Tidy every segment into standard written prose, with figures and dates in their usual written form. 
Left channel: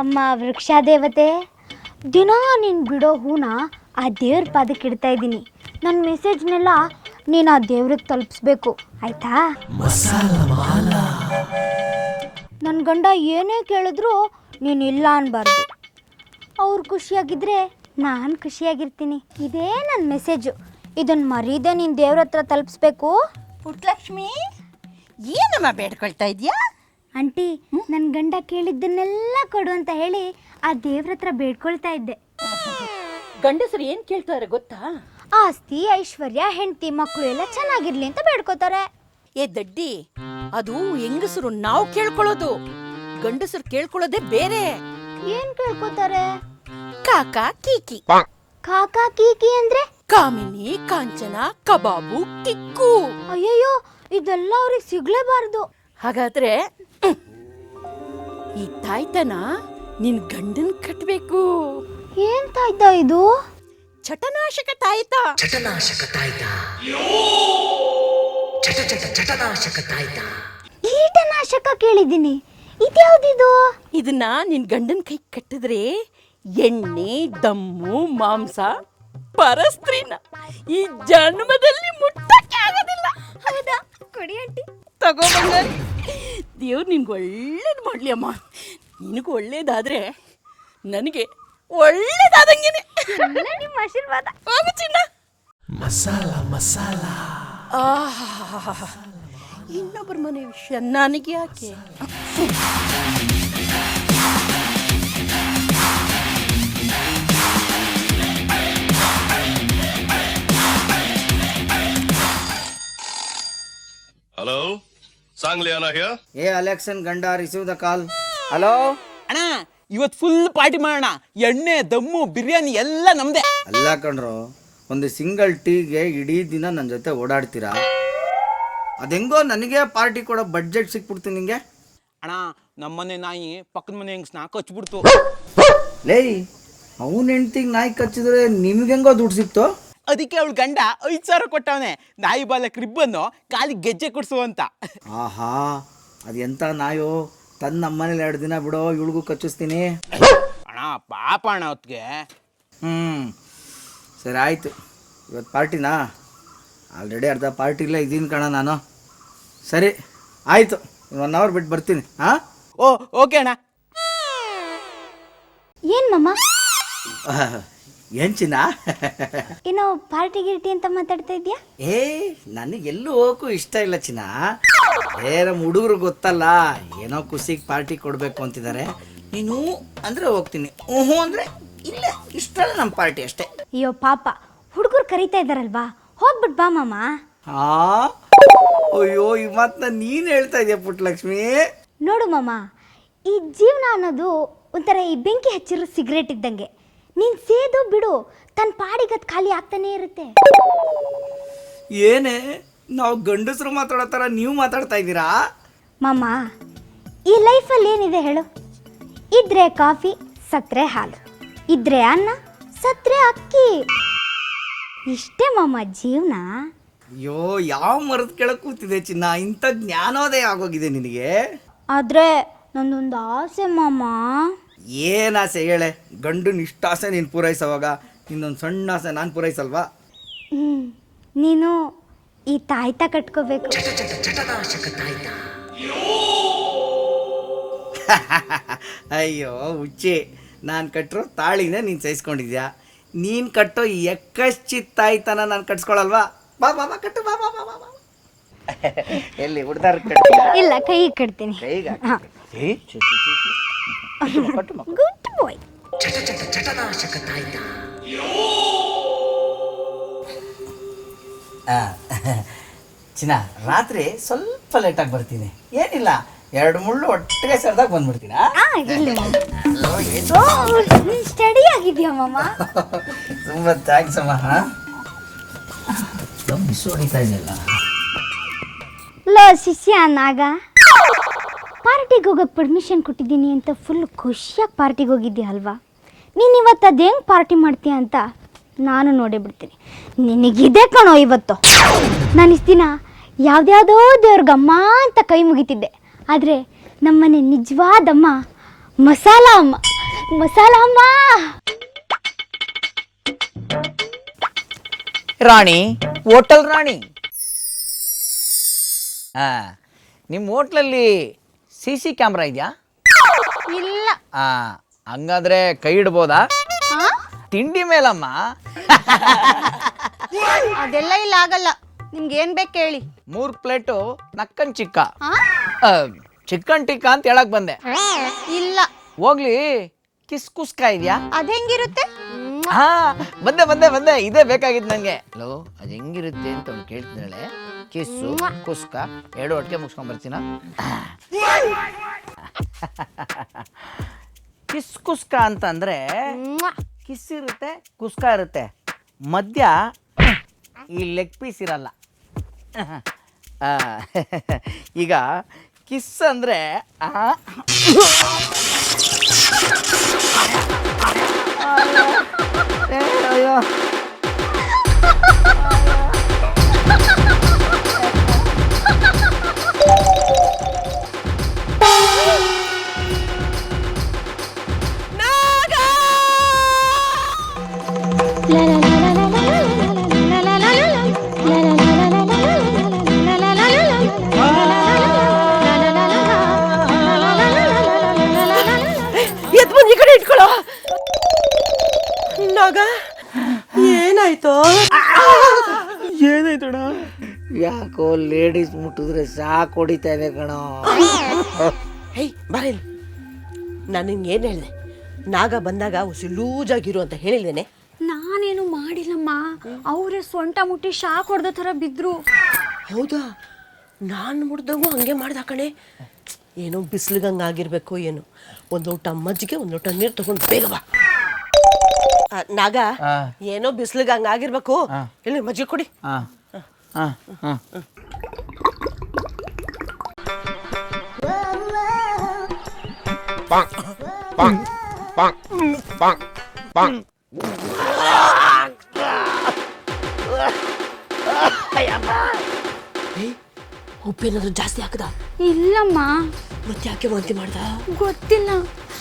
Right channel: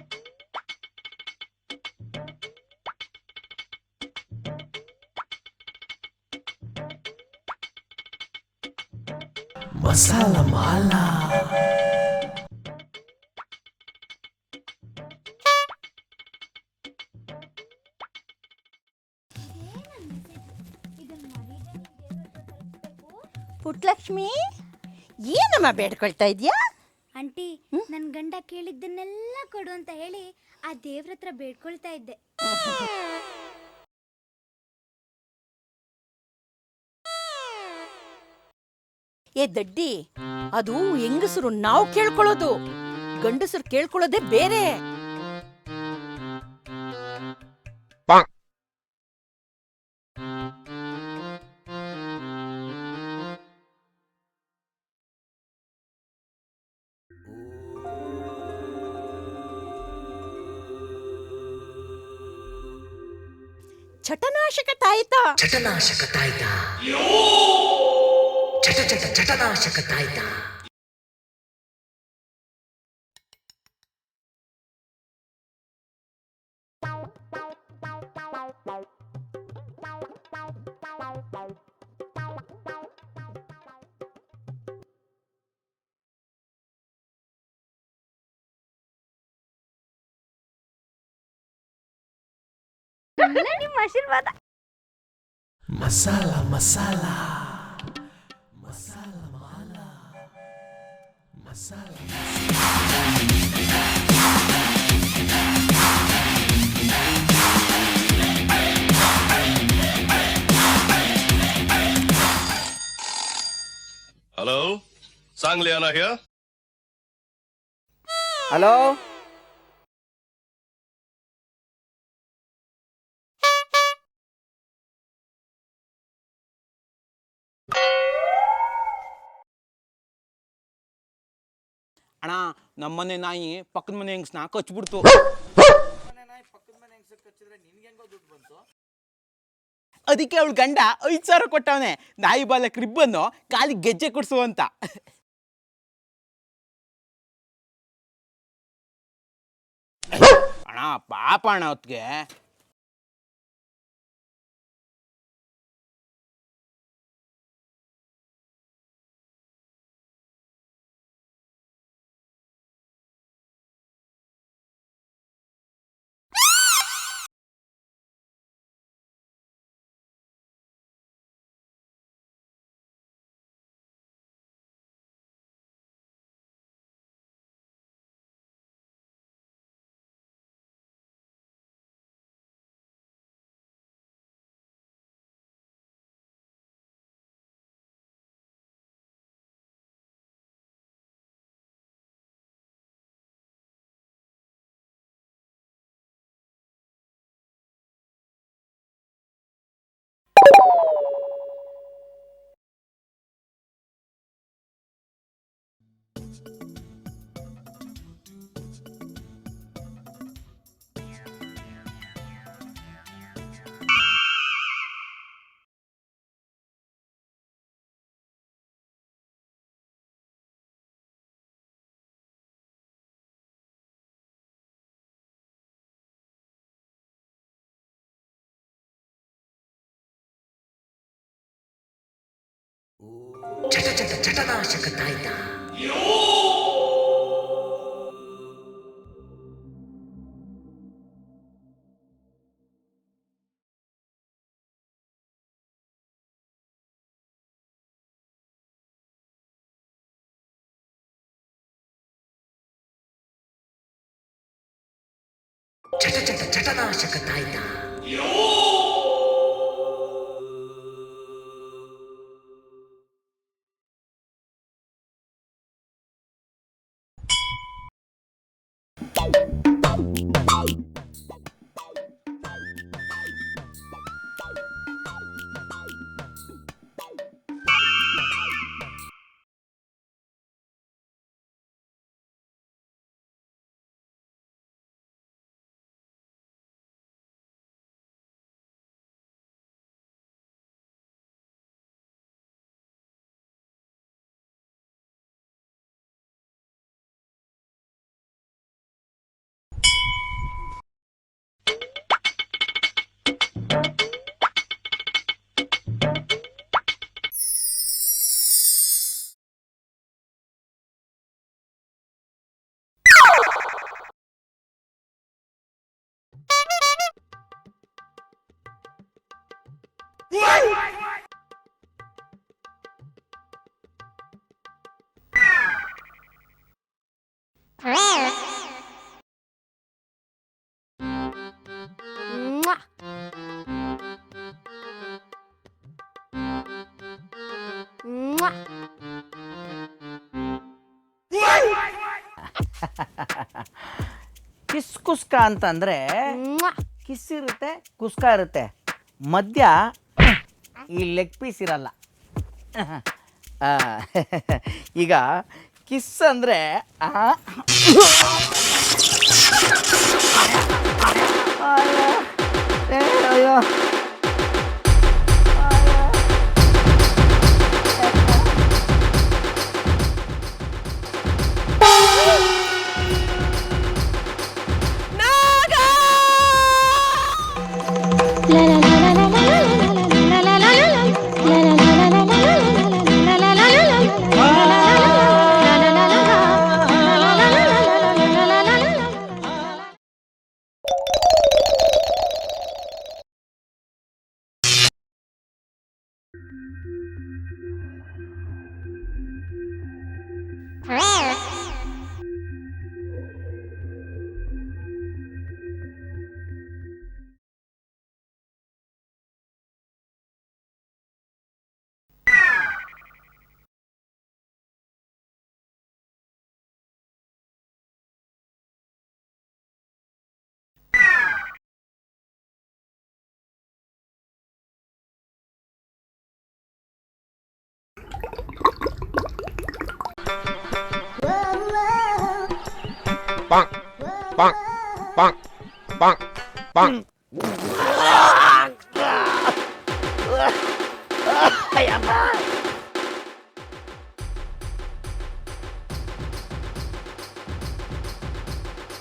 ಅಮ್ಮ ವೃಕ್ಷ ದೇವತೆ, ದಿನ ನೀನು ಬಿಡೋ ಹೂನ ಆ ದೇವ್ರ ಪಾದಕ್ಕೆ ಇಡ್ತಾ ಇದ್ದೀನಿ. ನನ್ನ ಮೆಸೇಜ್ನೆಲ್ಲ ನೀನು ಆ ದೇವ್ರಿಗೆ ತಲುಪಿಸ್ಬೇಕು, ಆಯ್ತಾ? ನನ್ನ ಗಂಡ ಏನೇ ಕೇಳಿದ್ರು ನೀನು ಇಲ್ಲ ಅನ್ಬಾರ್ದು. ಅವ್ರು ಖುಷಿಯಾಗಿದ್ದರೆ ನಾನು ಖುಷಿಯಾಗಿರ್ತೀನಿ. ಇದೇ ನನ್ನ ಮೆಸೇಜು. ಇದನ್ನು ಮರೀದೆ ನೀನು ದೇವ್ರ ಹತ್ರ ತಲುಪಿಸ್ಬೇಕು. ಪುಟ್ಟಲಕ್ಷ್ಮಿ, ಏನಮ್ಮ ಬೇಡ್ಕೊಳ್ತಾ ಇದೆಯಾ? ಆಂಟಿ, ನನ್ನ ಗಂಡ ಕೇಳಿದ್ದನ್ನೆಲ್ಲ ಕೊಡು ಅಂತ ಹೇಳಿ ಆ ದೇವ್ರ ಹತ್ರ ಬೇಡ್ಕೊಳ್ತಾ ಇದ್ದೆ. ಗಂಡಸರು ಏನು ಕೇಳ್ತಾರೆ ಗೊತ್ತಾ? ಆಸ್ತಿ, ಐಶ್ವರ್ಯ, ಹೆಂಡತಿ, ಮಕ್ಕಳು ಎಲ್ಲ ಚೆನ್ನಾಗಿರ್ಲಿ ಅಂತ ಬೇಡ್ಕೋತಾರೆ. ಏ ದಡ್ಡಿ, ಅದು ಹೆಂಗಸರು ನಾವು ಕೇಳ್ಕೊಳ್ಳೋದು, ಗಂಡಸರು ಕೇಳ್ಕೊಳ್ಳೋದೇ ಬೇರೆ. ಏನ್ ಕೇಳ್ಕೋತಾರೆ? ಕಾಕಾ ಕೀಕಿ. ಕಾಕಾ ಕೀಕಿ ಅಂದ್ರೆ? ಕಾಮಿನಿ, ಕಾಂಚನ, ಕಬಾಬು, ಕಿಕ್ಕು. ಅಯ್ಯಯ್ಯೋ, ಇದೆಲ್ಲ ಅವ್ರಿಗೆ ಸಿಗ್ಲೇಬಾರ್ದು. ಹಾಗಾದ್ರೆ ಈ ತಾಯ್ತನ ನಿನ್ ಗಂಡನ್ ಕಟ್ಬೇಕು. ಏನ್ ತಾಯ್ತಾ ಇದು? ಚಟನಾಶಕ ತಾಯ್ತ. ಚಟನಾಶಕ ತಾಯ್ತ. ಚಟ ಚಟ ಚಟನಾಶಕ ತಾಯ್ತ. ಕೀಟನಾಶಕ ಕೇಳಿದ್ದೀನಿ, ಇದ್ಯಾವ್ದಿದು? ಇದನ್ನ ನಿನ್ ಗಂಡನ್ ಕೈ ಕಟ್ಟಿದ್ರೆ ಎಣ್ಣೆ, ದಮ್ಮು, ಮಾಂಸ, ಪರಸ್ತ್ರೀನ ಈ ಜನ್ಮದಲ್ಲಿ ಮುಟ್ಟಕ್ಕೆ ಆಗೋದಿಲ್ಲ. ಹೌದಾ? ಕೊಡಿ ಆಂಟಿ. ತಗೋ ಬಂಗಾರಿ, ದೇವ್ರು ನಿನ್ಗೆ ಒಳ್ಳೇದು ಮಾಡ್ಲಿ ಅಮ್ಮ. ನಿನಗೂ ಒಳ್ಳೇದಾದ್ರೆ ನನಗೆ ಒಳ್ಳೇದಾದಂಗೆನೆ. ನಿಮ್ಮ ಆಶೀರ್ವಾದ. ಹೋಗು ಚಿನ್ನ. ಮಸಾಲ ಮಸಾಲ. ಇನ್ನೊಬ್ಬರ ಮನೆ ವಿಷಯ ನನಗೆ ಯಾಕೆ? Hello, Sangliana here. ಅಲೆಕ್ಸನ್ ಗಂಡ, ರಿಸೀವ್ ದ ಕಾಲ್. ಹಲೋ ಅಣ್ಣ, ಇವತ್ತು ಫುಲ್ ಪಾರ್ಟಿ ಮಾಡೋಣ. ಎಣ್ಣೆ, ದಮ್ಮು, ಬಿರಿಯಾನಿ ಎಲ್ಲ ನಮ್ದೇ. ಅಲ್ಲ ಕಣ್ರು, ಒಂದು ಸಿಂಗಲ್ ಟೀಗೆ ಇಡೀ ದಿನ ನನ್ನ ಜೊತೆ ಓಡಾಡ್ತೀರಾ? ಅದೆಂಗೋ ನನಗೆ ಪಾರ್ಟಿ ಕೊಡೋ ಬಡ್ಜೆಟ್ ಸಿಕ್ಬಿಡ್ತು ನಿಂಗೆ. ಅಣ್ಣ, ನಮ್ಮನೆ ನಾಯಿ ಪಕ್ಕದ ಮನೆ ಹೆಂಗ್ ಸ್ನಾಕ್ ಹಚ್ಬಿಡ್ತು. ಲೇ, ಅವನ ಹೆಂಡ್ತಿಗೆ ನಾಯಿ ಕಚ್ಚಿದ್ರೆ ನಿಮ್ಗೆಂಗೋ ದುಡ್ಡು ಸಿಕ್ತು? ಅದಕ್ಕೆ ಅವಳು ಗಂಡ 5,000 ಕೊಟ್ಟವನೆ, ನಾಯಿ ಬಾಲಕ್ ರಿಬ್ಬನ್ನು ಕಾಲಿ ಗೆಜ್ಜೆ ಕೊಡ್ಸು ಅಂತ. ಆಹಾ, ಅದು ಎಂಥ ನಾಯೋ, ತಂದು ನಮ್ಮನೇಲಿ 2 ದಿನ ಬಿಡೋ, ಇವಳಿಗೂ ಕಚ್ಚಿಸ್ತೀನಿ. ಅಣ್ಣ ಪಾಪ ಅಣ್ಣ ಹೊತ್ತಿಗೆ. ಸರಿ ಆಯಿತು, ಇವತ್ತು ಪಾರ್ಟಿನಾ? ಆಲ್ರೆಡಿ ಅರ್ಧ ಪಾರ್ಟಿಲೇ ಇದ್ದೀನಿ ಕಣ ನಾನು. ಸರಿ ಆಯಿತು, 1 ಅವರ್ ಬಿಟ್ಟು ಬರ್ತೀನಿ. ಹಾಂ, ಓಕೆ ಅಣ್ಣ. ಏನ್ ಮಮ್ಮ? ಏನು ಚಿನ್ನ? ಏನೋ ಪಾರ್ಟಿ ಗಿರ್ಟಿ ಅಂತ ಮಾತಾಡ್ತಾ ಇದ್ಯಾ? ನನಗೆಲ್ಲೂ ಹೋಗಕ್ಕೂ ಇಷ್ಟ ಇಲ್ಲ ಚಿನ್ನ. ಬೇರೆ ಹುಡುಗರು ಗೊತ್ತಲ್ಲ, ಏನೋ ಖುಷಿಗೆ ಪಾರ್ಟಿ ಕೊಡಬೇಕು ಅಂತಿದ್ದಾರೆ. ನೀನು ಅಂದರೆ ಹೋಗ್ತೀನಿ, ಹ್ಞೂ ಅಂದರೆ ಇಲ್ಲೇ. ಇಷ್ಟಲ್ಲ ನಮ್ಮ ಪಾರ್ಟಿ ಅಷ್ಟೇ. ಅಯ್ಯೋ ಪಾಪ, ಹುಡುಗರು ಕರೀತಾ ಇದ್ದಾರಲ್ವಾ, ಹೋಗ್ಬಿಟ್ ಬಾ ಮಾಮ. ಅಯ್ಯೋ, ಈ ಮಾತನ್ನ ನೀನು ಹೇಳ್ತಾ ಇದೆಯಾ ಪುಟ್ಟಲಕ್ಷ್ಮಿ? ನೋಡು ಮಾಮ, ಈ ಜೀವನ ಅನ್ನೋದು ಒಂಥರ ಈ ಬೆಂಕಿ ಹಚ್ಚಿರೋ ಸಿಗರೇಟ್ ಇದ್ದಂಗೆ. ನೀನು ಸೇದು ಬಿಡು, ತನ್ನ ಪಾಡಿಗದು ಖಾಲಿ ಆಗ್ತಾನೇ ಇರುತ್ತೆ. ಏನೇ, ನಾವು ಗಂಡಸರು ಮಾತಾಡೋ ಥರ ನೀವು ಮಾತಾಡ್ತಾ ಇದ್ದೀರಾ? ಮಾಮ, ಈ ಲೈಫಲ್ಲಿ ಏನಿದೆ ಹೇಳು? ಇದ್ರೆ ಕಾಫಿ, ಸತ್ರೆ ಹಾಲು, ಇದ್ರೆ ಅನ್ನ, ಸತ್ರೆ ಅಕ್ಕಿ. ಇಷ್ಟೇ ಮಾಮ ಜೀವನ. ಅಯ್ಯೋ, ಯಾವ ಮರದ ಕೆಳಗೆ ಕೂತಿದೆ ಚಿನ್ನ, ಇಂಥ ಜ್ಞಾನೋದಯ ಆಗೋಗಿದೆ ನಿನಗೆ. ಆದರೆ ನಂದೊಂದು ಆಸೆ ಮಾಮ. ಏನು ಆಸೆ ಹೇಳೆ? ಗಂಡನ ಇಷ್ಟ ಆಸೆ ನೀನು ಪೂರೈಸೋವಾಗ ಇನ್ನೊಂದು ಸಣ್ಣ ಆಸೆ ನಾನು ಪೂರೈಸಲ್ವಾ? ನೀನು ಈ ತಾಯ್ತ ಕಟ್ಕೋಬೇಕು. ಚಟ ಚಟ ಚಟನಾಶಕ ತಾಯ್ತ. ಅಯ್ಯೋ ಹುಚ್ಚಿ, ನಾನು ಕಟ್ಟಿರೋ ತಾಳಿನೇ ನೀನು ಸಹಿಸ್ಕೊಂಡಿದ್ಯಾ. ನೀನು ಕಟ್ಟೋ ಎಕ್ಕಶ್ಚಿತ್ತಾಯ್ತನ ನಾನು ಕಟ್ಸ್ಕೊಳಲ್ವಾ? ಬಾ ಬಾ ಬಾ, ಕಟ್ಟು, ಬಾ ಬಾ ಬಾ ಬಾ ಬಾ. ಎಲ್ಲಿ ಹುಡ್ದಾರ ಕಟ್ಟಿ? ಇಲ್ಲ, ಕೈ ಕಟ್ತೀನಿ. ಕೈಗ ಗುಡ್ ಬಾಯ್. ಚಟ ಚಟ ಚಟನಾಶಕ ತಾಯ್ತ. ಚಿನ್ನ, ರಾತ್ರಿ ಸ್ವಲ್ಪ ಲೇಟಾಗಿ ಬರ್ತೀನಿ. ಏನಿಲ್ಲ, 2 ಮುಳ್ಳು ಒಟ್ಟಿಗೆ ಸರ್ದಾಗ ಬಂದ್ಬಿಡ್ತೀನಿ. ಸ್ಟಡಿ ಆಗಿದ್ಯಾ ಮಾಮ? ತುಂಬ ಥ್ಯಾಂಕ್ಸ್ ಅಮ್ಮ. ಮಿಸ್ ಹೊಡಿತಾ ಇದೆಯಲ್ಲ. ಲೋ ಶಿಷ್ಯ ನಾಗ, ಪಾರ್ಟಿಗೆ ಹೋಗೋಕೆ ಪರ್ಮಿಷನ್ ಕೊಟ್ಟಿದ್ದೀನಿ ಅಂತ ಫುಲ್ ಖುಷಿಯಾಗಿ ಪಾರ್ಟಿಗೆ ಹೋಗಿದ್ದೆ ಅಲ್ವಾ? ನೀನು ಇವತ್ತು ಅದು ಹೆಂಗೆ ಪಾರ್ಟಿ ಮಾಡ್ತೀಯ ಅಂತ ನಾನು ನೋಡೇ ಬಿಡ್ತೀನಿ. ನಿನಗಿದೆ ಕಣೋ ಇವತ್ತು. ನಾನು ಇಷ್ಟು ದಿನ ಯಾವುದ್ಯಾವುದೋ ದೇವ್ರಿಗಮ್ಮ ಅಂತ ಕೈ ಮುಗಿತಿದ್ದೆ, ಆದರೆ ನಮ್ಮನೆ ನಿಜವಾದಮ್ಮ ಮಸಾಲ ಅಮ್ಮ. ಮಸಾಲ ಅಮ್ಮ. ರಾಣಿ, ಹೋಟೆಲ್ ರಾಣಿ. ನಿಮ್ಮ ಹೋಟ್ಲಲ್ಲಿ CC ಕ್ಯಾಮ್ರಾ ಇದೆಯಾ? ಇಲ್ಲ. ಹಂಗಾದ್ರೆ ಕೈ ಇಡ್ಬೋದಾ? ತಿಂಡಿ ಮೇಲಮ್ಮ. ಅದೆಲ್ಲ ಇಲ್ಲ, ಆಗಲ್ಲ. ನಿಮ್ಗೆ ಏನ್ ಬೇಕು ಹೇಳಿ. 3 ಪ್ಲೇಟು ನಕ್ಕನ್ ಚಿಕನ್ ಟಿಕ್ಕಾ ಅಂತ ಹೇಳಕ್ ಬಂದೆ. ಇಲ್ಲ. ಹೋಗ್ಲಿ, ಕುಸ್ಕ ಇದೆಯಾ? ಅದ್ ಹೆಂಗಿರುತ್ತೆ? ಬಂದೆ ಬಂದೆ ಬಂದೆ, ಇದೇ ಬೇಕಾಗಿತ್ತು ನಂಗೆ. ಲೋ, ಅದು ಹೆಂಗಿರುತ್ತೆ ಅಂತ ಕೇಳ್ತಿದ್ದಾಳೆ. ಕಿಸ್ಸು ಕುಸ್ಕ 2 ಒಟ್ಟಿಗೆ ಮುಗಿಸ್ಕೊಂಡ್ ಬರ್ತೀನ. ಕುಸ್ಕ ಅಂತಂದ್ರೆ ಕಿಸ್ ಇರುತ್ತೆ, ಕುಸ್ಕ ಇರುತ್ತೆ, ಮಧ್ಯ ಈ ಲೆಗ್ ಪೀಸ್ ಇರಲ್ಲ. ಈಗ ಕಿಸ್ ಅಂದ್ರೆ ಅಯ್ಯೋ ಎದ್ ಬಂದ್ ಈ ಕಡೆ ಇಟ್ಕೊಳ್ಳೋ. ನಾಗ ಏನಾಯ್ತು? ಏನಾಯ್ತಣ? ಯಾಕೋ ಲೇಡೀಸ್ ಮುಟ್ಟಿದ್ರೆ ಸಾಕು ಹೊಡಿತಾ ಇದೆ ಕಣೋ. ಹೇಯ್ ಬರೇನು, ನಾನು ನಿಂಗೆ ಏನು ಹೇಳಿದೆ? ನಾಗ ಬಂದಾಗ ಉಸಿ ಲೂಜಾಗಿರು ಅಂತ ಹೇಳಿದ್ದೇನೆ. ನಾನೇನು ಮಾಡಿಲ್ಲಮ್ಮ. ಅವರೇ ಸೊಂಟ ಮುಟ್ಟಿ ಶಾಕ್ ಹೊಡೆದ ಥರ ಬಿದ್ರು. ಹೌದಾ? ನಾನು ಮುಡ್ದಂಗೂ ಹಂಗೆ ಮಾಡ್ದ ಕಣೆ. ಏನೋ ಬಿಸಿಲಿಗಂಗೆ ಆಗಿರ್ಬೇಕು ಏನು. ಒಂದು ಲೋಟ ಮಜ್ಜಿಗೆ, ಒಂದು ಲೋಟ ನೀರು ತಗೊಂಡು ಬೇಗ ಬಾ. ನಾಗ, ಏನೋ ಬಿಸಿಲಿಗೆ ಹಂಗೆ ಆಗಿರ್ಬೇಕು. ಇಲ್ಲಿ ಮಜ್ಜಿಗೆ ಕೊಡಿ. ಉಪ್ಪೇನಾದ್ರು ಜಾಸ್ತಿ ಹಾಕದ? ಇಲ್ಲಮ್ಮ. ಮತ್ತೆ ಯಾಕೆ ವಾಂತಿ ಮಾಡ್ದ? ಗೊತ್ತಿಲ್ಲ.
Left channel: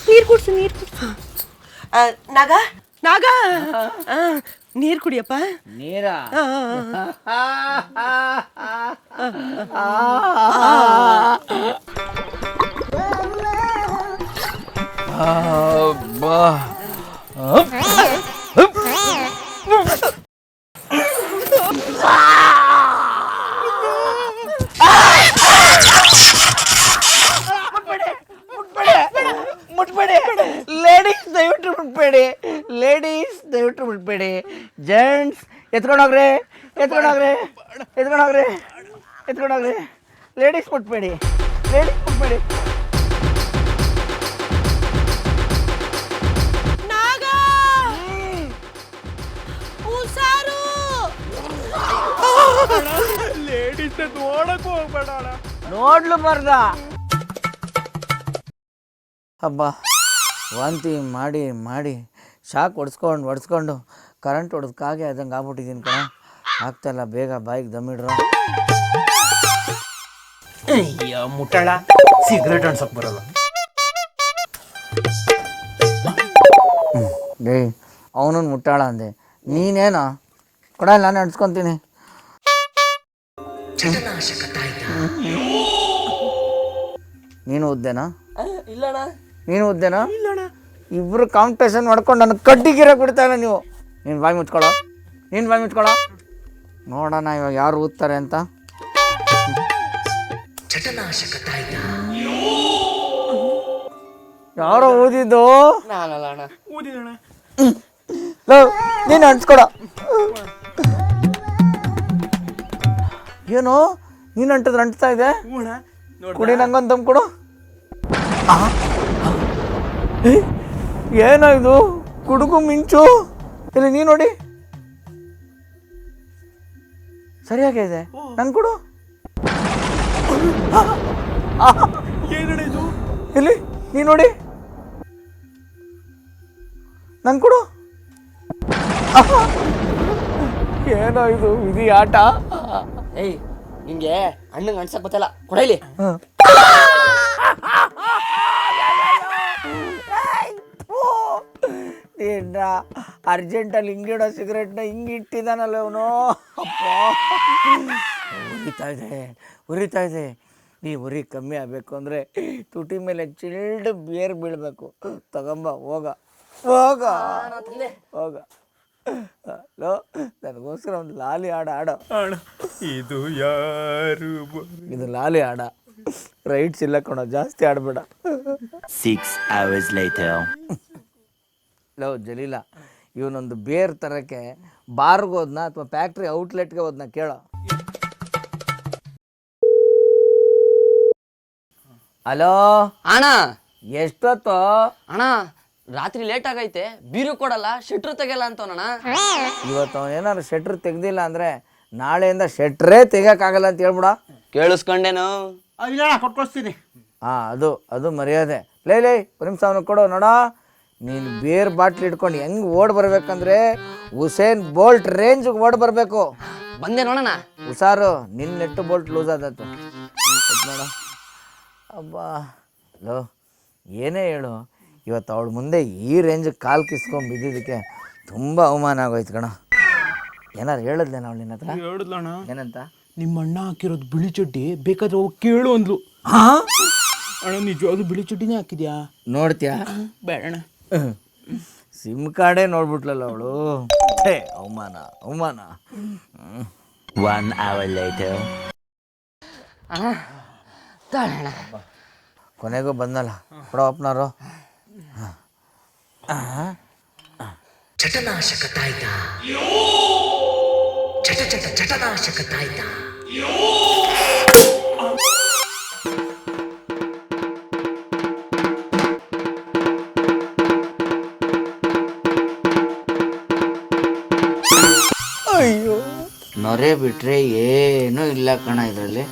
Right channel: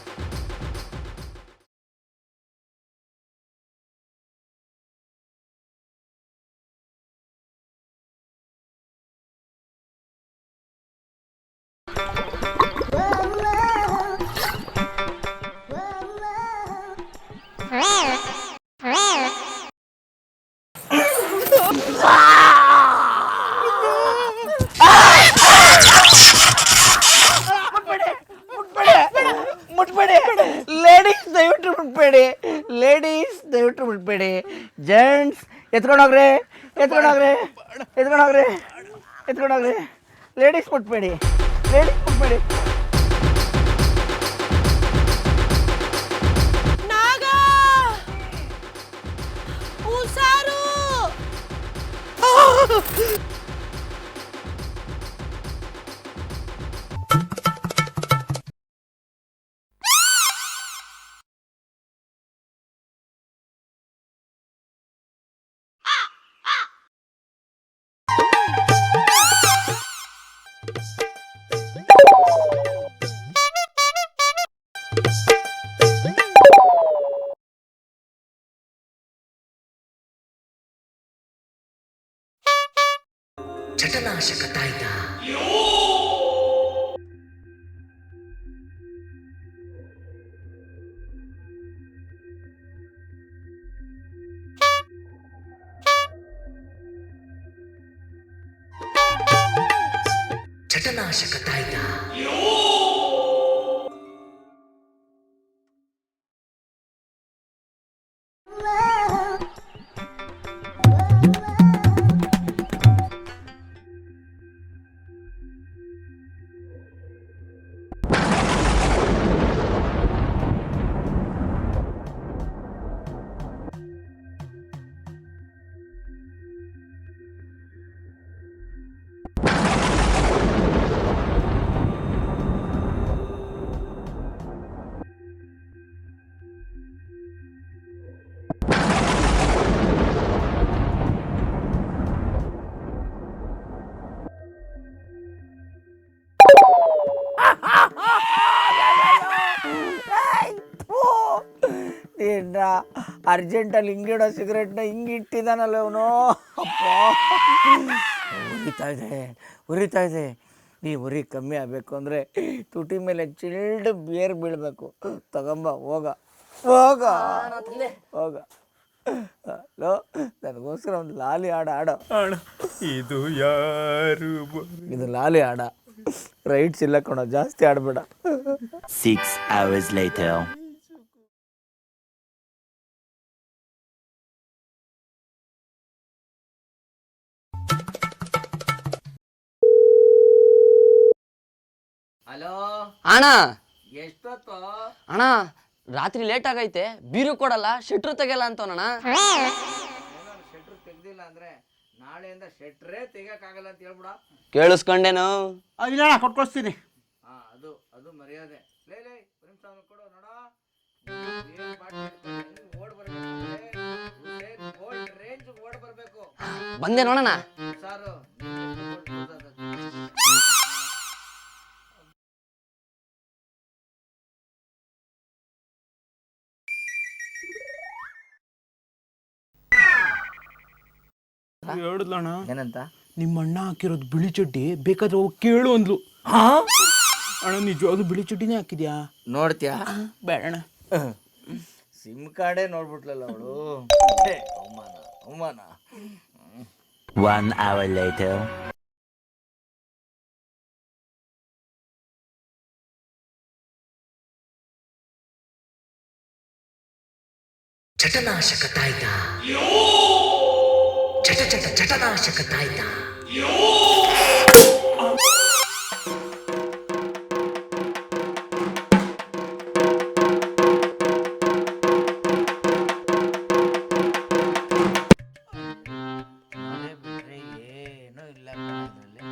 ನೀರು ಕುಡ್ಸು, ನೀರು ಕುಡ್ಸು. ನಾಗ, ನಾಗ, ನೀರು ಕುಡಿಯಪ್ಪ. ನೀರಾ? ಮುಟ್ಬೇಡಿ ಲೇಡೀಸ್, ದಯವಿಟ್ಟು ಮುಟ್ಬೇಡಿ. ಲೇಡೀಸ್ ದಯವಿಟ್ಟು ಮುಟ್ಬೇಡಿ. ಜೆಂಟ್ಸ್ ಎತ್ಕೊಂಡೋಗ್ರಿ, ಎತ್ಕೊಂಡೋಗ್ರಿ, ಎತ್ಕೊಂಡೋಗ್ರಿ, ಎತ್ಕೊಂಡೋಗ್ರಿ. ಲೇಡೀಸ್ ಮುಟ್ಬೇಡಿ, ಲೇಡೀಸ್ ಮುಟ್ಬೇಡಿ. ನಾಗ, ಹುಷಾರು. ನೋಡ್ಲು ಬರ್ದ. ಹಬ್ಬ, ವಾಂತಿ ಮಾಡಿ ಮಾಡಿ ಶಾಕ್ ಹೊಡ್ಸ್ಕೊಂಡು ಕರೆಂಟ್ ಹೊಡೆದಕ್ಕಾಗೆ ಅದಂಗೆ ಆಗ್ಬಿಟ್ಟಿದ್ದೀನಿ ಕಣ. ಆಗ್ತಾಯಿಲ್ಲ, ಬೇಗ ಬಾಯಿಗೆ ದಮ್ಮಿಡ್ರ. ಅಯ್ಯೋ ಮುಟ್ಟಾಳ, ಸಿಗರೇಟ್ ಅನ್ಸಕ್ ಬರಲ್ಲ. ಡೇ, ಅವನನ್ನು ಮುಟ್ಟಾಳ ಅಂದೆ, ನೀನೇನ ಕೊಡ, ನಾನು ಅನ್ಸ್ಕೊತೀನಿ. ಚಟನಾಶಕ ತಾಯ್ತ. ನೀನು ಉದ್ದೇನಾ? ಇಲ್ಲಣ್ಣ. ನೀನು ಉದ್ದೇನಾ? ಇಬ್ರು ಕಾಂಪಿಟೇಷನ್ ಮಾಡ್ಕೊಂಡು ನನಗೆ ಕಡ್ಡಿಗಿರ ಬಿಡ್ತಾ ಇಲ್ಲ ನೀವು. ನೀನು ಬಾಯಿ ಮುಚ್ಕೊಳ್ಳೋ, ನೀನು ಬಾಯಿ ಮುಚ್ಕೊಳ್ಳೋ. ನೋಡೋಣ ಇವಾಗ ಯಾರು ಊದ್ತಾರೆ ಅಂತ. ಚಟನಾಶಕ ತಾಯ್ತ. ಯಾರೋ ಊದಿದ್ದು? ನಾನಲ್ಲ ಅಣ್ಣ. ನೀನು ಅಂಟ್ಸ್ಕೊಡ. ಏನು ನೀನು ಅಂಟಿದ್ರೆ ಅಂಟ್ತಾ ಇದೆ? ಕುಡಿ, ನಂಗೊಂದು ದಮ್ ಕೊಡು. ಏನೋ ಇದು ಕುಡುಗು ಮಿಂಚು. ಇಲ್ಲಿ ನೀ ನೋಡಿ, ಸರಿಯಾಗಿದೆ. ನಂಗೆ ಕೊಡು. ಇಲ್ಲಿ ನೀ ನೋಡಿ, ನಂಗೆ ಕೊಡು. ಏನೋ ಇದು ವಿಧಿ ಆಟ. ಏಯ್, ಹಿಂಗೆ ಹಣ್ಣಂಗೆ ಅನ್ಸಕ್ ಗೊತ್ತಲ್ಲ, ಕೊಡಲಿ. ಓ ಏನ ಅರ್ಜೆಂಟಲ್ಲಿ ಹಿಂಗಿಡೋ ಸಿಗರೆಟ್ನ ಹಿಂಗೆ ಇಟ್ಟಿದ್ದಾನಲ್ಲ ಅವನು. ಅಪ್ಪ ಉರಿತಾ ಇದೆ. ಈ ಉರಿ ಕಮ್ಮಿ ಆಗಬೇಕು ಅಂದರೆ ತುಟಿ ಮೇಲೆ ಚಿಲ್ಡ್ ಬಿಯರ್ ಬೀಳಬೇಕು. ತಗೊಂಬ ಹೋಗ ಲೋ, ನನಗೋಸ್ಕರ ಒಂದು ಲಾಲಿ ಆಡೋ. ಇದು ಯಾರು ಇದು ಲಾಲಿ ಆಡ, ರೈಟ್ಸ್ ಇಲ್ಲ ಕಣೋ, ಜಾಸ್ತಿ ಆಡಬೇಡ. 6 hours later. ಲೋ ಜಲೀಲ, ಇವನೊಂದು ಬೇರ್ ತರಕ್ಕೆ ಬಾರ್ಗೆ ಹೋದ್ನ ಅಥವಾ ಫ್ಯಾಕ್ಟ್ರಿ ಔಟ್ಲೆಟ್ಗೆ ಹೋದ್ನ ಕೇಳೋ. ಹಲೋ ಅಣ್ಣ ಎಷ್ಟೊತ್ತು? ಅಣ್ಣ ರಾತ್ರಿ ಲೇಟ್ ಆಗೈತೆ, ಬೀರು ಕೊಡಲ್ಲ, ಶೆಟ್ರು ತೆಗಿಯಲ್ಲ ಅಂತವನಣ್ಣ. ಇವತ್ತು ಏನಾದ್ರು ಶೆಟ್ರ್ ತೆಗ್ದಿಲ್ಲ ಅಂದರೆ ನಾಳೆಯಿಂದ ಶೆಟ್ರೇ ತೆಗಿಯೋಕ್ಕಾಗಲ್ಲ ಅಂತ ಹೇಳ್ಬಿಡ. ಕೇಳಿಸ್ಕೊಂಡೇನು? ಇಲ್ಲ ಕೊಟ್ಕೊಳ್ತೀನಿ. ಹಾಂ, ಅದು ಮರ್ಯಾದೆ. ಲೇ ಒಂದು ನಿಮಿಷ ಅವನು ಕೊಡು ನೋಡ. ನೀನು ಬೇರ್ ಬಾಟ್ಲಿ ಇಟ್ಕೊಂಡು ಹೆಂಗೆ ಓಡ್ ಬರ್ಬೇಕಂದ್ರೆ ಉಸೇನ್ ಬೋಲ್ಟ್ ರೇಂಜ್ಗೆ ಓಡ್ ಬರಬೇಕು. ಬಂದೆ ನೋಡೋಣ. ಹುಷಾರು, ನಿನ್ನ ನೆಟ್ಟು ಬೋಲ್ಟ್ ಲೂಸ್ ಆದತ್ತು ನೋಡ. ಅಬ್ಬಾ ಲೋ, ಏನೇ ಹೇಳು, ಇವತ್ತು ಅವಳ ಮುಂದೆ ಈ ರೇಂಜಿಗೆ ಕಾಲು ಕಿಸ್ಕೊಂಡು ಬಿದ್ದಿದ್ದಕ್ಕೆ ತುಂಬ ಅವಮಾನ ಆಗೋಯ್ತು ಕಣ. ಏನಾರು ಹೇಳಿದ್ಲೇನ ಅವಳು ನಿನ್ನ ಹತ್ರ? ಹೇಳಿದ್ಲಣ್ಣ, ಏನಂತ? ನಿಮ್ಮ ಅಣ್ಣ ಹಾಕಿರೋದು ಬಿಳಿ ಚಡ್ಡಿ ಬೇಕಾದ್ರೆ ಹೋಗಿ ಕೇಳು ಅಂದ್ಲು. ಅಣ್ಣ ನಿಜವಾಗ್ಲೂ ಬಿಳಿ ಚಡ್ಡಿನೇ ಹಾಕಿದ್ಯಾ? ನೋಡ್ತೀಯಾ? ಬೇಡಣ್ಣ. ಸಿಮ್ ಕಾರ್ಡೇ ನೋಡ್ಬಿಟ್ಲಲ್ಲ ಅವಳು. ಅವಮಾನ. 1 hour later. ಅಣ್ಣ ತಾಳಣ್ಣ. ಕೊನೆಗೂ ಬಂದಲ್ಲ ಕೊಡೋ ಅಪ್ಪನಾರು. ಚಟನಾಶಕ ತಾಯ್ತ, ಚಟನಾಶಕ ತಾಯ್ತ. ಅಯ್ಯೋ, ನೊರೆ ಬಿಟ್ರೆ ಏನೂ ಇಲ್ಲ ಕಣ ಇದರಲ್ಲಿ.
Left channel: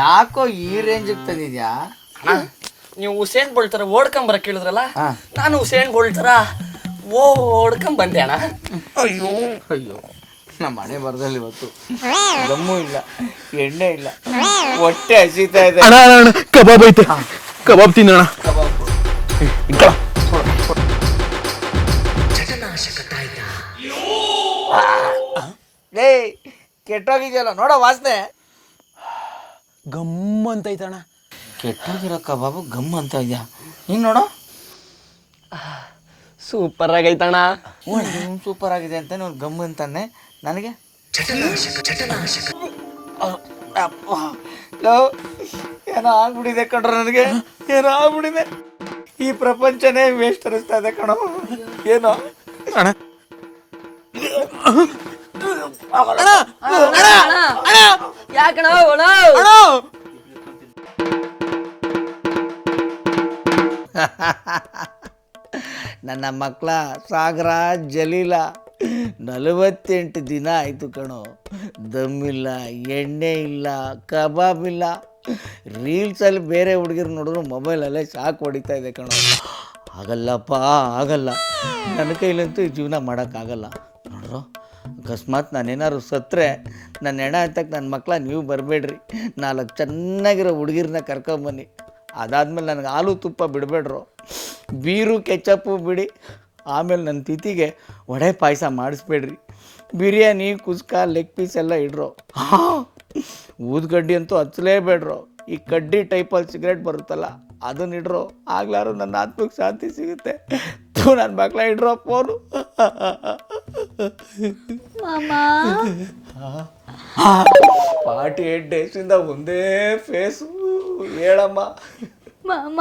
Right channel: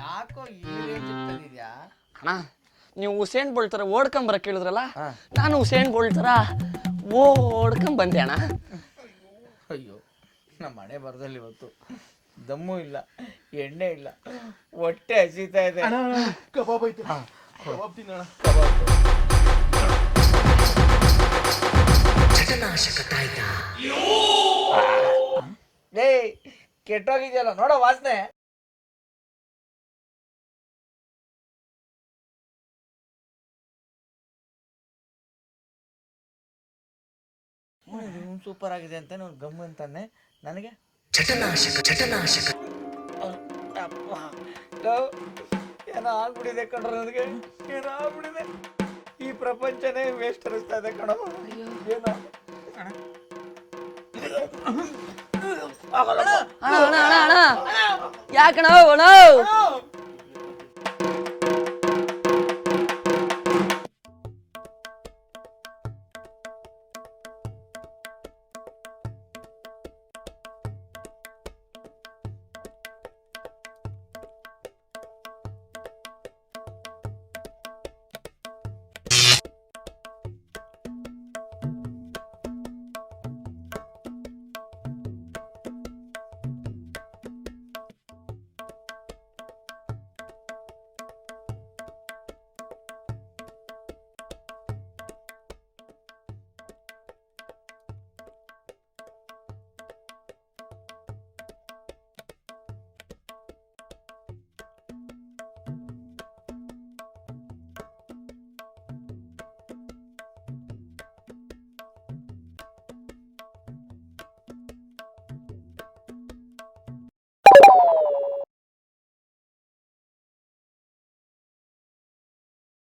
ಯಾಕೋ ಈ ರೇಂಜಿಗೆ ತಂದಿದ್ಯಾ? ಅಣ್ಣ ನೀವು ಉಸೇನ್ ಬೋಲ್ಟ್ ತರ ಓಡ್ಕೊಂಬರಕ್ ಕೇಳಿದ್ರಲ್ಲ, ನಾನು ಉಸೇನ್ ಬೋಲ್ಟ್ ತರ ಓಡ್ಕೊಂಡ್ ಬಂದೆ ಅಣ್ಣ. ಅಯ್ಯೋ ನಮ್ಮ ಮನೆ ಬರದಲ್ಲಿ ಇವತ್ತು ದಮ್ಮು ಇಲ್ಲ, ಎಣ್ಣೆ ಇಲ್ಲ, ಹೊಟ್ಟೆ ಹಸಿತಾ ಇದೆ. ಅಣ್ಣ ಕಬಾಬ್ ಐತೆ, ಕಬಾಬ್ ತಿನ್ನೋಣ. ಚಟನಾಶಕ ತಾಯ್ತ. ಲೇ, ಕೆಟ್ಟೋಗಿದ್ಯಲ್ಲ ನೋಡೋ ವಾಸನೆ. ಗಮ್ ಅಂತ ಐತಣ್ಣ. ಕೆಟ್ಟೋಗಿರೋ ಕಬಾಬು ಗಮ್ ಅಂತ ಇದೆಯಾ? ನೀನು ನೋಡೋ. ಸೂಪರ್ ಆಗೈತಣ್ಣ. ಸೂಪರ್ ಆಗಿದೆ ಅಂತ ನೀವು ಗಮ್ ಅಂತಾನೆ ನನಗೆ. ಚಟನಾಶಕ. ಲೋ, ಏನೋ ಆಗ್ಬಿಟ್ಟಿದೆ ಕಣ್ರ, ನನಗೆ ಏನೋ ಆಗ್ಬಿಟ್ಟಿದೆ. ಈ ಪ್ರಪಂಚನೇ ವೇಸ್ಟ್ ಅನಿಸ್ತಾ ಇದೆ ಕಣೋ. ಏನೋ ಅಣ್ಣ ಯಾಕಣ ನನ್ನ ಮಕ್ಕಳ ಸಾಗರ ಜಲೀಲ 48 ದಿನ ಆಯಿತು ಕಣೋ. ದಮ್ಮಿಲ್ಲ, ಎಣ್ಣೆ ಇಲ್ಲ, ಕಬಾಬ್ ಇಲ್ಲ. ರೀಲ್ಸಲ್ಲಿ ಬೇರೆ ಹುಡುಗಿರು ನೋಡಿದ್ರು ಮೊಬೈಲಲ್ಲೇ ಶಾಕ್ ಹೊಡಿತಾ ಇದೆ ಕಣೋ. ಆಗಲ್ಲಪ್ಪ, ಆಗಲ್ಲ, ನನ್ನ ಕೈಲಂತೂ ಈ ಜೀವನ ಮಾಡೋಕ್ಕಾಗಲ್ಲ. ನೋಡ್ರು, ಅಕಸ್ಮಾತ್ ನಾನೇನಾದ್ರು ಸತ್ತರೆ ನನ್ನ ಹೆಣ ಎತ್ತಕ್ಕೆ ನನ್ನ ಮಕ್ಕಳ ನೀವು ಬರಬೇಡ್ರಿ. 4 ಚೆನ್ನಾಗಿರೋ ಹುಡುಗಿರನ್ನ ಕರ್ಕೊಂಬನ್ನಿ. ಅದಾದ್ಮೇಲೆ ನನಗೆ ಹಾಲು ತುಪ್ಪ ಬಿಡಬೇಡ್ರು, ಬೀರು ಕೆಚಪ್ಪು ಬಿಡಿ. ಆಮೇಲೆ ನನ್ನ ತಿಥಿಗೆ ವಡೆ ಪಾಯಸ ಮಾಡಿಸ್ಬೇಡ್ರಿ. ಬಿರಿಯಾನಿ, ಕುಸ್ಕ, ಲೆಗ್ ಪೀಸ್ ಎಲ್ಲ ಇಡ್ರು. ಊದ್ಗಡ್ಡಿ ಅಂತೂ ಹಚ್ಚಲೇಬೇಡ್ರು. ಈ ಕಡ್ಡಿ ಟೈಪಲ್ಲಿ ಸಿಗರೇಟ್ ಬರುತ್ತಲ್ಲ ಅದನ್ನ ಇಡ್ರು. ಆಗ್ಲಾರು ನನ್ನ ಆತ್ಮಕ್ಕೆ ಶಾಂತಿ ಸಿಗುತ್ತೆ. ನನ್ನ ಮಕ್ಕಳ ಇಡ್ರೋ ಫೋನು. ಪಾರ್ಟಿ 8 ಡೇಸಿಂದ ಒಂದೇ ಫೇಸು. ಹೇಳಮ್ಮ ಮಾಮ,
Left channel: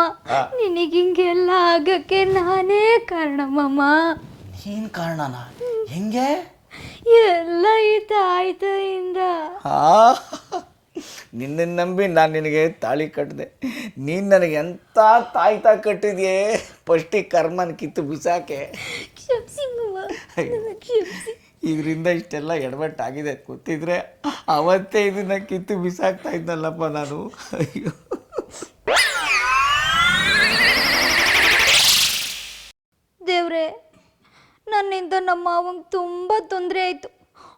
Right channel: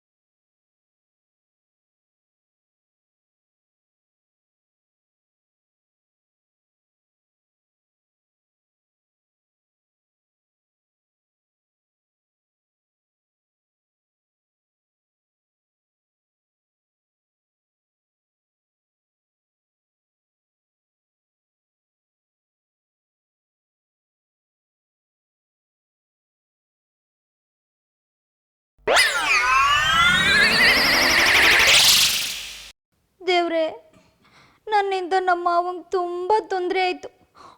ನಿನಗಿಂಗೆಲ್ಲ ಆಗಕ್ಕೆ ನಾನೇ ಕಾರಣ ಮಾಮ. ಏನು ಕಾರಣನ? ಹೆಂಗೆ? ಎಲ್ಲ ಈ ತಾಯ್ತಿಂದ. ನಿನ್ನನ್ನು ನಂಬಿ ನಾನು ನಿನಗೆ ತಾಳಿ ಕಟ್ಟಿದೆ. ನೀನು ನನಗೆ ಎಂಥ ತಾಯ್ತಾ ಕಟ್ಟಿದ್ಯೆ. ಫಸ್ಟಿಗೆ ಕರ್ಮನ ಕಿತ್ತು ಬಿಸಾಕೆ. ಕ್ಷಮಿಸಿ ಮಾಮ, ಕ್ಷಮಿಸಿ. ಇದರಿಂದ ಇಷ್ಟೆಲ್ಲ ಎಡವಟ್ಟಾಗಿದೆ. ಗೊತ್ತಿದ್ರೆ ಅವತ್ತೇ ಇದನ್ನ ಕಿತ್ತು ಬಿಸಾಕ್ತಾ ಇದ್ನಲ್ಲಪ್ಪ ನಾನು. ಅಯ್ಯೋ, ದೇವ್ರೆ, ನನ್ನಿಂದ ನಮ್ಮ ಮಾವಂಗೆ ತುಂಬ ತೊಂದರೆ ಆಯಿತು.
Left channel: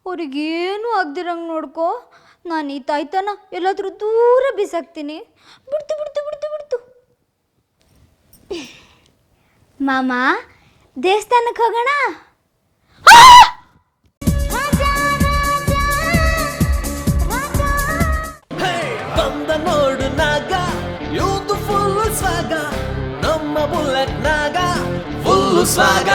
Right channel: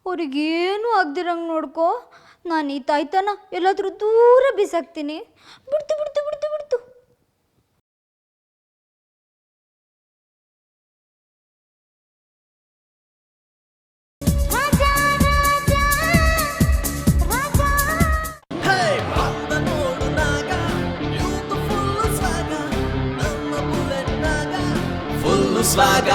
ಅವ್ರಿಗೇನು ಆಗ್ದಿರಂಗೆ ನೋಡ್ಕೊ. ನಾನು ಈ ತಾಯ್ತನ ಎಲ್ಲಾದರೂ ದೂರ ಬಿಸಾಕ್ತೀನಿ. ಬಿಡ್ತು. ಮಾಮ, ದೇವಸ್ಥಾನಕ್ಕೆ ಹೋಗೋಣ. ಬಂದ ನೋಡು ನಾಗ ಇವ್ದು ಫುಲ್ ಸ್ವಾಗ ನಮ್ಮ ಬುಲೆಟ್ ನಾಗ ಫುಲ್ ಸ್ವಾಗ